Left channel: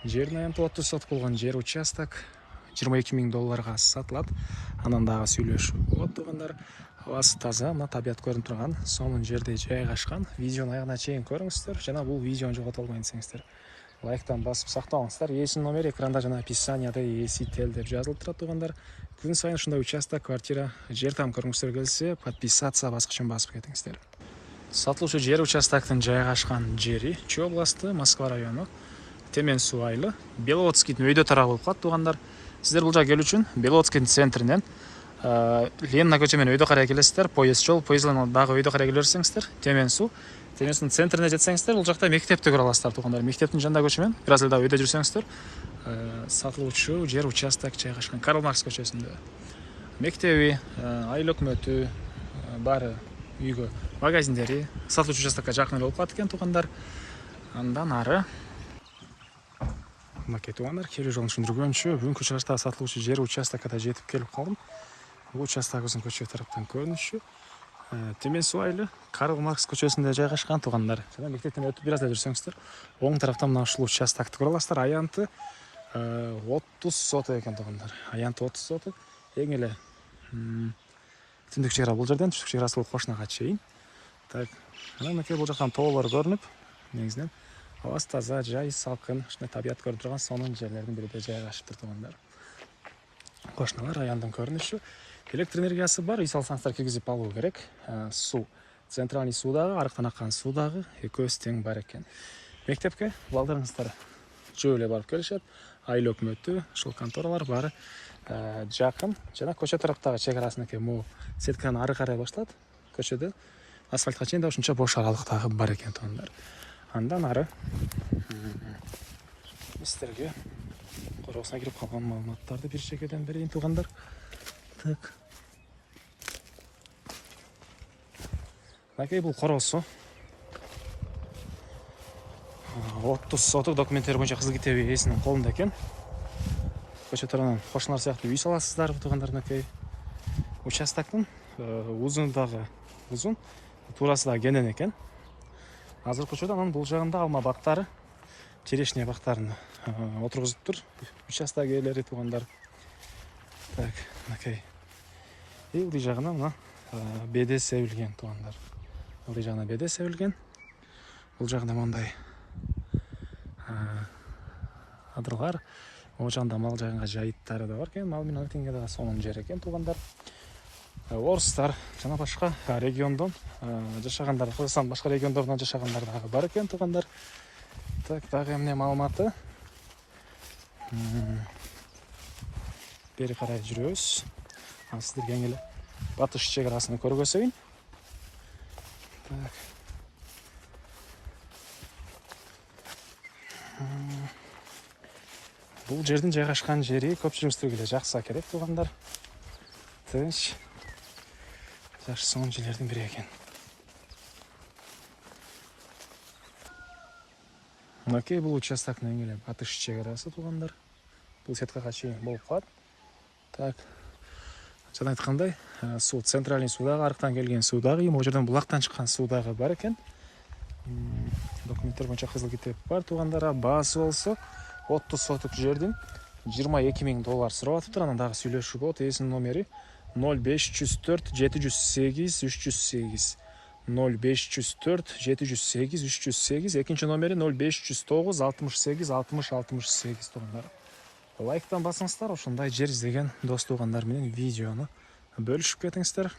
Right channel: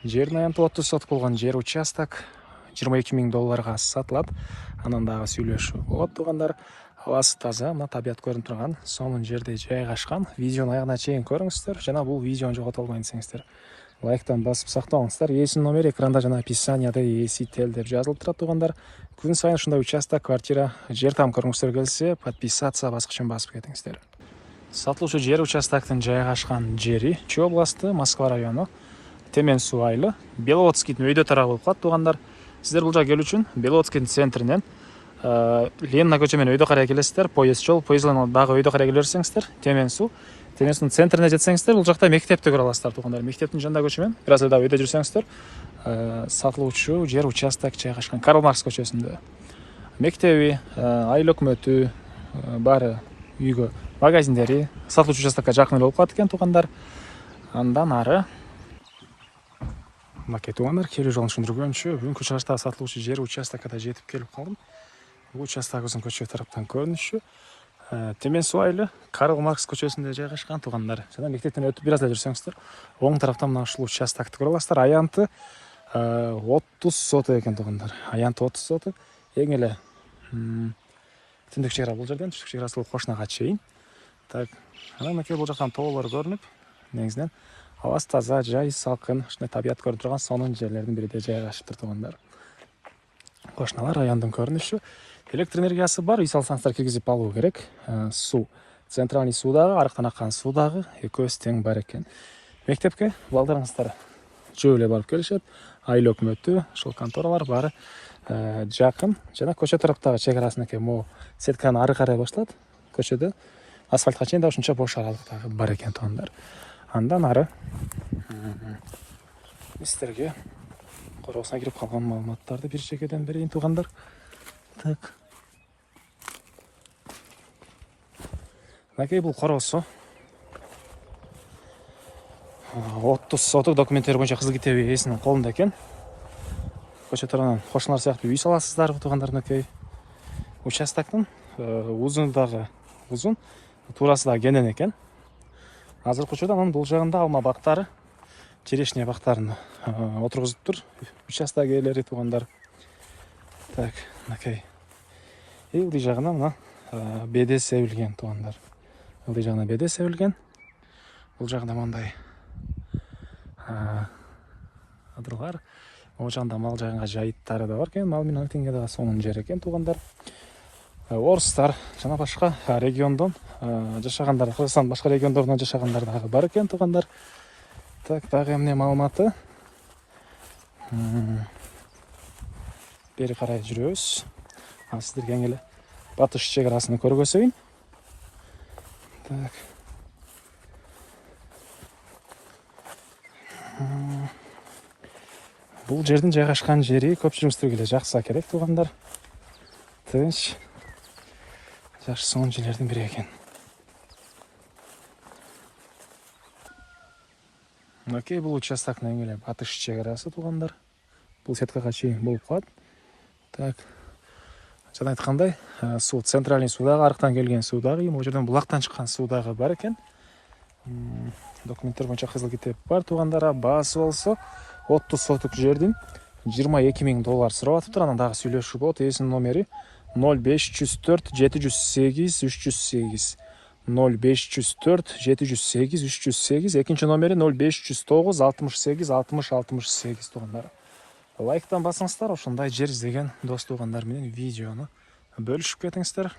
Жердің аянты 30 сотық болған жер участок $22,000 сатылады. Анан дагы сүйлөшүү болот туугандар. Абасы таза, мына табият көрүнүп турган, сонун жерде жайгашкан. Видеону аягына чейин көрүңүздөр жана бул видеону жогото албайын десеңиздер лайктан басып сактаңыздар. Ээсинин номери экранда жана описанияда ээси тел деп жазылып турат туугандар. Күн сайын ушундай участок, квартира, жер там көргүңүздөр келсе, подписаться баскычын басып кетиңиздер. Сатылуучу жер участоктун жайгашкан жери Чүй областы, Москва району, Темен суу айлы, Беловодскийдин өйдө тарабы болуп калат туугандар. Сиздер бул жака келүү үчүн Беловодскийдин центринен Ленина көчө менен өйдө карай келесиздер. Поезд жол, поездден дагы өйдө карай келе берсеңиздер, Темен суунун центрине жетсеңиздер, бул жакта мектепти көрө аласыздар туугандар. Мектептин жанында көчө менен бир аз эле өйдө жүрсөңүздөр, сатылуучу жер участок жайгашкан Карл Маркс көчөсүндө. Мектеби, айыл өкмөтү баары үйгө, магазиндери сатылуучу участокко жакын эле болуп калат экен туугандар. Андан ары мынакей туугандар, келүү жолун түшүндүргөнчү бүгүнкү чыгышта сатылуучу жер участокко жетип келип калдым. Бул участогубуздун көчө тараптан көрүнүшү Темен суу айлы Карл Маркс көчөсүндө жайгашкан туугандар. Жана мектептен өтүп бир аз эле жүрсөңүздөр, оң тараптан мына ушул участокты көрө аласыздар. Аянты 30 соток экен туугандар. Аянты 30 соток. Эң эле түндүк чек ара бул жерден, түштүк чек арасы бул Кошнага чейин. Так, анан мынакей бул жактан тоолор көрүнүп, негизинен абасы таза, жай, салкын, ушундай табият көрүнүп турган сонун жерлердин биринде жайгашыптыр туугандар. Кошнала райондун көрүнүшү. Электр энергиясы бар, үй салсаңыздар киргизип алуу керек. Суу, центральный суу дагы, арыктан аккан суу дагы экөөсү тең бар экен. Мектепке балдарыңыздар жөө эле барып келишет. Айыл өкмөтү, ошол конторалар баары жакын. Жана көчө тараптагы чек арасынакей могу сетканы ары карай башталат. Көчөдө асфальтка чейин да ушунча бош аралык дагы бар экен туугандар. Андан ары сиздерге короосуна кирип калган маалыматтарды бир чекеден берейин туугандар. Так. Мынакей бул короосу. 30 соток документтери боюнча кызыл китеби ээсинин колунда экен. Көчө тараптан кошуналар сыяктуу үй саласыздар туугандар. Мынакей участоктун узуну дагы узун, туурасы дагы кенен экен. Азыркы учурда анын бул жагында алма бактары, черешня бактарын отургузуптур участок ээлери туугандар. Так, мынакей. Бул жагына мына беде себилген туугандар. Бул жагына беде себилген. Бул жагында мындай адырлар, могу жагында мал жайганга жайыттары да бар экен. Мал менен өлкөнгө дагы сонун жер экен туугандар. Орустар жана башка региондон жашагандар, Кыргызстан башка региондорунан жашагандар дагы бар экен туугандар. Так, дагы эмне маалыматы? Бери карай жүрөбүз. Ал сиздерге эң эле батыш чек арасын көргөзөйүн. Так. Бул жердин жайгашкан жери көпчүлүгүңүздөргө эле жакса керек туугандар. Тынч, жакшы сонун жерлердин бири экен. Мынакей бул участоктун эң эле батыш чек арасы туугандар. Бул сеткага чейин болуп калат. Так. Жана айткандай, суу, центральный суу дагы, арыктан келген суу дагы, могу жерден булактан чыккан суу дагы бар экен. Документтер боюнча кызыл китеп бар туугандар. Баасы болсо 30 соток жердин $22,000 сурап атыптыр. Анан дагы сүйлөшүү болот. Ээсинин номери 0504 708 308. 0504 708 308. Экинчи номери 0509 68 60 68 туугандар. Лайктан басыңыздар, ошондой жер издеген дос туугандар менен видеону бөлүшүп кетиңиздер.